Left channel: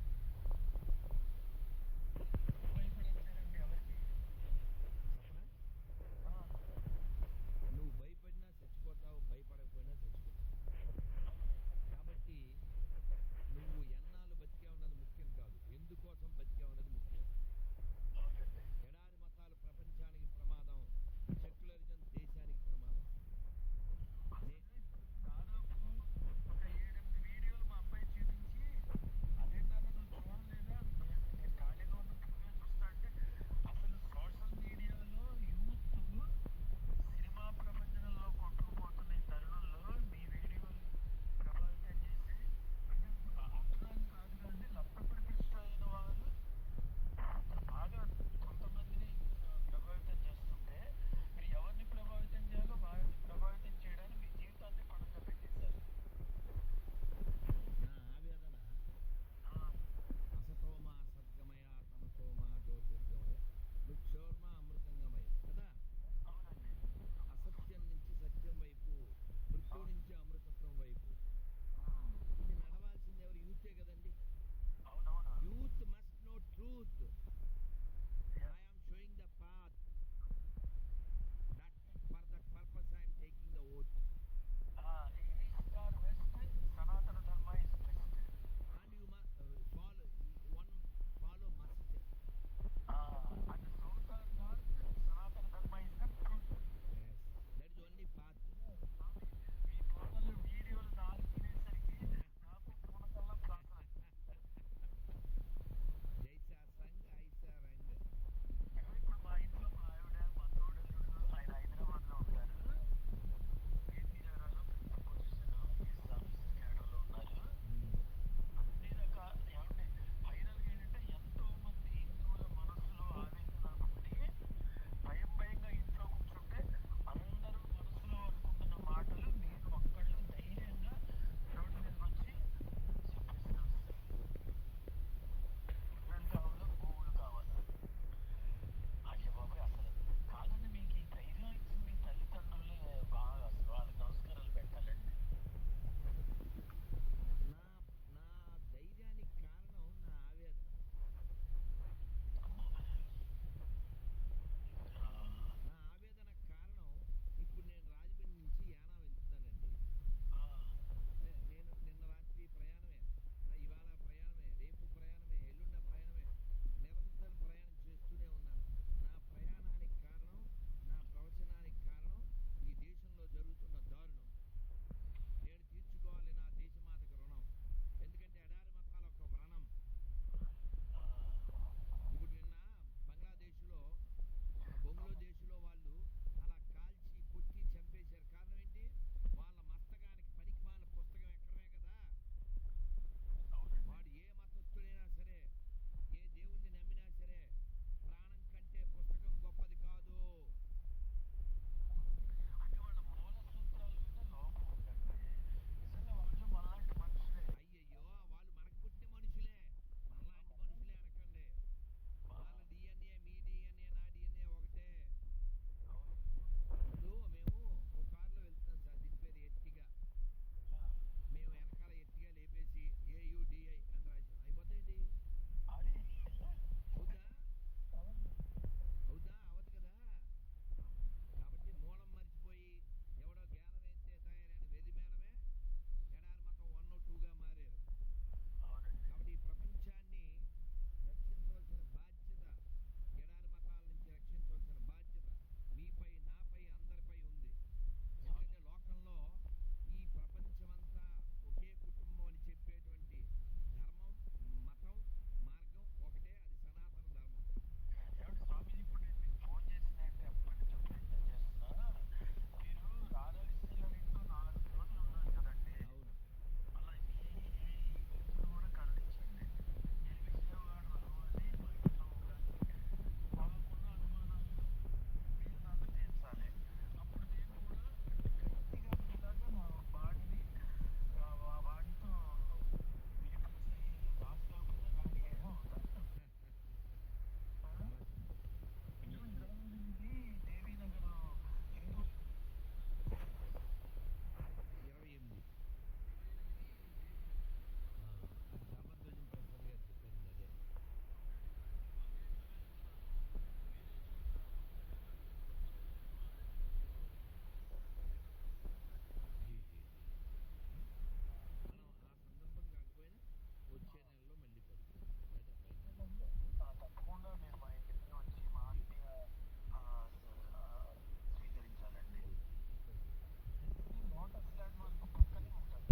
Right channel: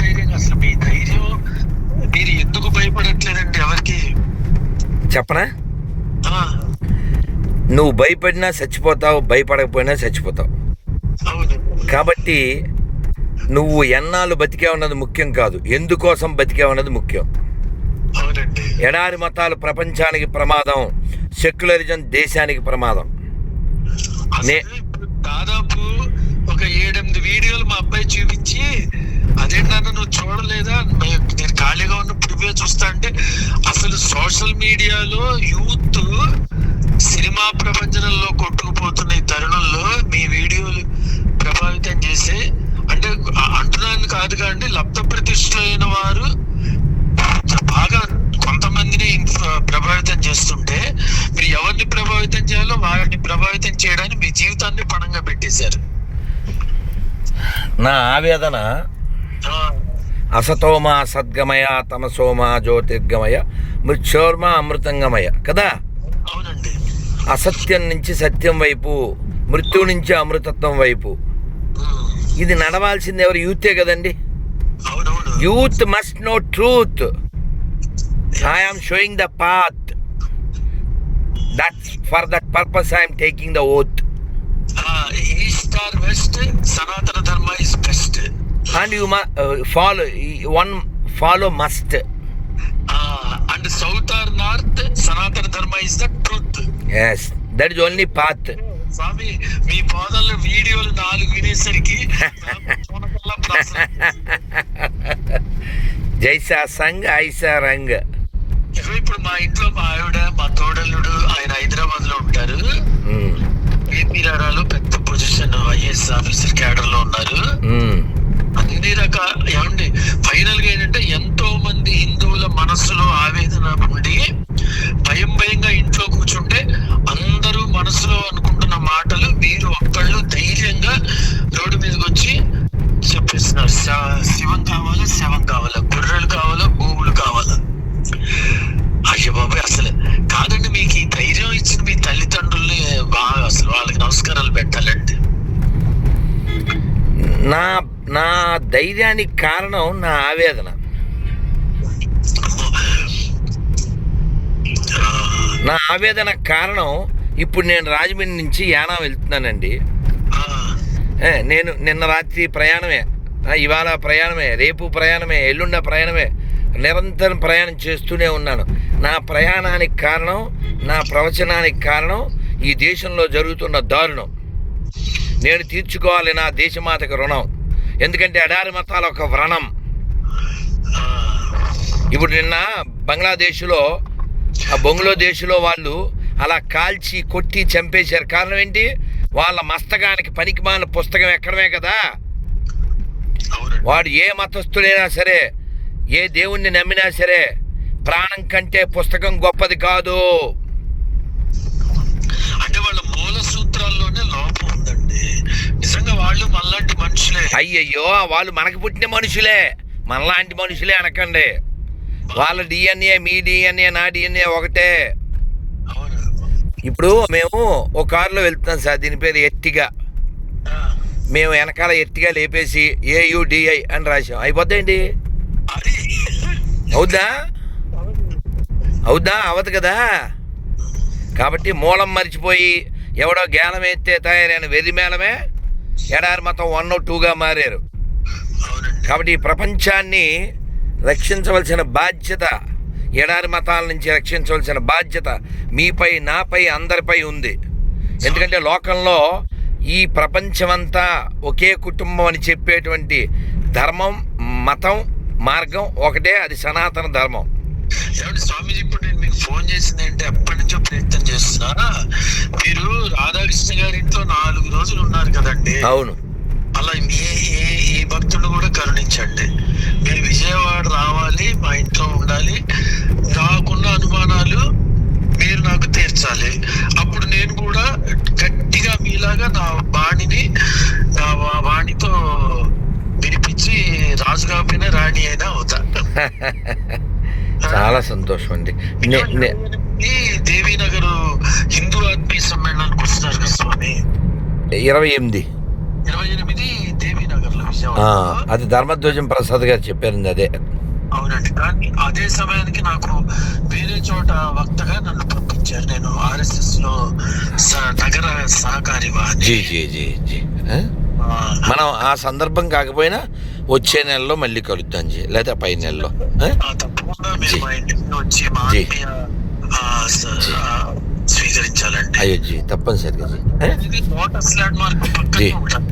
ధైర్యంగా, అసలు మీ ధైర్యం, మీరు ఎందుకు భయపడట్లేదండి ఎవరికి? చెప్పనా? ఆ, నువ్వు భయపడినా చచ్చిపోతావు, భయపడకపోయినా చచ్చిపోతావు. అవును. కాబట్టి నువ్వు ఎన్నాళ్ళు బతికావన్నది ముఖ్యం కాదు, ఎందుకోసం బతికావన్నది ముఖ్యం. అవునండి. ఎడారి మతాలు ప్రపంచానికి ప్రమాదం, సెక్యులరిజం దేశానికి ప్రమాదం. అసలు ఇప్పుడు దాదాపు ఒక 7-8 వీడియోలు మా అబ్బాయి చూపించి, అదేంటన్నా నువ్వు చూడలేదా, నేను ఖాళీగా ఉన్నప్పుడు ఇవే చూస్తా అంటే, అసలు సోషల్ మీడియాలో యూత్ సినిమా ప్రపంచంలో కొట్టుకుపోతున్న ఈ తరుణంలో మీ వీడియోలు ప్రభావితం చేసే, అంటే అంటున్నాను కాదు కానీ లబ్ధ ప్రతిష్ఠులైన వారు బాగా కొంతమందిని ప్రభావితం చేస్తుంటే, మీరు ఎవరిని ప్రభావితం చేయాలో వారిని ప్రభావితం చేయడానికి మీ జీవితాన్ని పణంగా పెట్టేశారు. నా ఆవేదన అసతోమ సద్గమయ, తమసోమ జ్యోతిర్గమయ, మృత్యోర్మ అమృతంగమయ కదా. అవునండి. అసత్యం నుంచి సత్యం వైపు, మృత్యు నుంచి అమృతత్వం వైపు ఇది నడవాల్సింది ఎవరు? యూతే కదండి. అవునవును. Youth must know truth. I am showing the path. That's for that purpose I am taking the oath. East or west, Sanatana Dharma is best. And you must follow must. And south or north, Sanatana Dharma is the truth. Yes, that is only path. స్వామి, మీ పాదాల వీడియోలు 4 వినేసరికి జైసా సంగ్ ఐసా రంగ్. ఇప్పుడు మా ఇంట్లో మా ఆవిడ, మా తోడల్లుడు, ఆయన హైదరాబాద్ లో ఉంటారు. ఏపీ రారాలో పెద్ద పొజిషన్ ఐఏఎస్ ఆఫీసర్ క్యాడర్ లో ఉన్నారు. అన్ని రకాల ఏమండి, ఫైనల్ గా ఏంటంటే ఎంతో మంది హిందువుల మనస్సులో ఆవేదన ఉండి భయంగా ఇంట్లో కూర్చుంటే అందరూ మనసులో అనుకుంటున్న మాటలు మీరు ఒక్కళ్ళు ధైర్యంగా రోడ్డు మీదకి వచ్చి చెప్పేస్తున్నారు. శివం కావాలా, శవం కావాలా, గుర్రెలు కావాలా, భూములు కావాలా. అయ్యో బాబాయ్, అసలు కాదండి, మీకు ఈ ధైర్యం ఇచ్చిన మీ తల్లిదండ్రుల్ని బాగా అసలు వాళ్ళకి నమస్కారాలు పెట్టాలండి. నా ధైర్యానికి కారణం నా ఆవేదన. నా ఆవేదన కారణం ఇప్పుడు నేను రాజమండ్రి నుంచి యానా వెళ్తున్నానండి. నేను నిన్న రాత్రి ప్రయాణమే, ఇవాళ ప్రయాణమే, రేపు ప్రయాణమే, ఎల్లుండ ప్రయాణమే, నిరంతరం ప్రయాణం చేస్తూనే ఉన్నాను. నా ప్రయాణానికి కారణం, నా ప్రవచనానికి కారణం ఈ దేశంలో జరుగుతున్న దారుణం. నేను తీర్చుకోవాలి నా దేశమాతకు రుణం. ఎందుకంటే ఎడారి మతాల ఒక వ్రణం. ఇప్పుడు నిన్న బంగ్లాదేశ్లో, బంగ్లాదేశ్లో వాళ్ళు అలా కాల్చి కొట్టి చంపేశారు. కారణం ఏంటి? వాళ్ళ మస్తకానికి పనికిమాలిన పుస్తకం ఎక్కడమే కదా. వాడు ఏ మతస్థుడైనా సరే, ఏ దేవుణ్ణి నమ్మినా సరే, ప్రాణం కంటే పుస్తకం గొప్పది కాదు. అంటే వాళ్ళ మూల సూత్రాల్లోనే లోపం ఉందండి. నిజంగా వాళ్ళు మనలాంటి మనుషులే. అయ్యయ్యో, వాళ్ళు మనకు పుట్టిన మనుషులే, మనలాంటి మనుషులే అనకండి. వాళ్ళ డిఎన్ఏ, మీ డిఎన్ఏ, నా డిఎన్ఏ ఒకటే. ఇప్పుడు మేము ఒక కారులో వెళ్తున్నాం సార్, దీని పేరు ఎర్టిగా. మేము వెనకాల ఎర్టిగా లేపేసి AUDI అని రాసాం, అయిపోద్దండి. అవుద్దా? అవదు కదా. కాబట్టి మూలం మరిచిపోయి ఎవడో గేలం ఎత్తే తయారైన వెర్రిమేళమే ఎడారి మతం 1, 2గా మారారు. కాబట్టి ఈ ప్రపంచాన్ని రక్షించవలసిన బాధ్యత, ఎడారి మతాల నుంచి రక్షించవలసిన బాధ్యత మీపై, నాపై, అందరిపై ఉంది. ఎందుకంటే లోకంలో ఈ ప్రపంచమంతా ఒకే కుటుంబం అని చెప్పేటువంటి ధర్మం, మతం, మార్గం ఒకటే, అది సనాతన ధర్మం. స్వామీజీ, ఇప్పుడు నేను మీకు ఫోన్ చేసింది అంటే ఎప్పటి నుంచో ప్రయత్నం చేస్తున్నా. మీరు రాధాకృష్ణ గారి ఇంట్లో 4 రోజులు ఉన్నారు కదండి. అవును. అలా ఈ భక్తుడు కూడా కరుణించండి. మీరు విజయవాడ రావాలి, మా ఇంట్లో ఉండాలి. నాకున్న అనుమానాలు మీరు నాకు తీర్చాలి. అప్పుడు నేను కూడా గట్టిగా మీలాగా నా వాణితో వినిపించి రాజు కాకపోయినా రాణి అయినా అవుతా. చాలా సంతోషం అండి. దేవీనగర్ హిందూ ఆత్మీయ సమ్మేళనానికి వస్తున్నారు కదా స్వామి. 28 దేవీనగర్ లో విజయవాడ. అది ధర్మధ్వజం ప్రసాద్ గారు చెప్పారు అదే. అవునండి. కానీ అదే సమయానికి నాకు వేరే చోట వక్తగా నన్ను పంపించారు. నేను RSS లో నగర సహకారి జీ జీ జీ జీ మనం ఆ సందర్భం కాకపోయినా వచ్చే నెలలో మళ్ళీ కలుద్దాం జీ, లేదా పై నెలలో. తప్పకుండా మీరు మా ఇంటికి వచ్చి మా ఆత్మీయ స్వీకరించాలండి. అయ్యో జీ, తప్పనిసరిగా జీ. లోటస్ ల్యాండ్ మార్క్ పక్కనే ఉంటాను.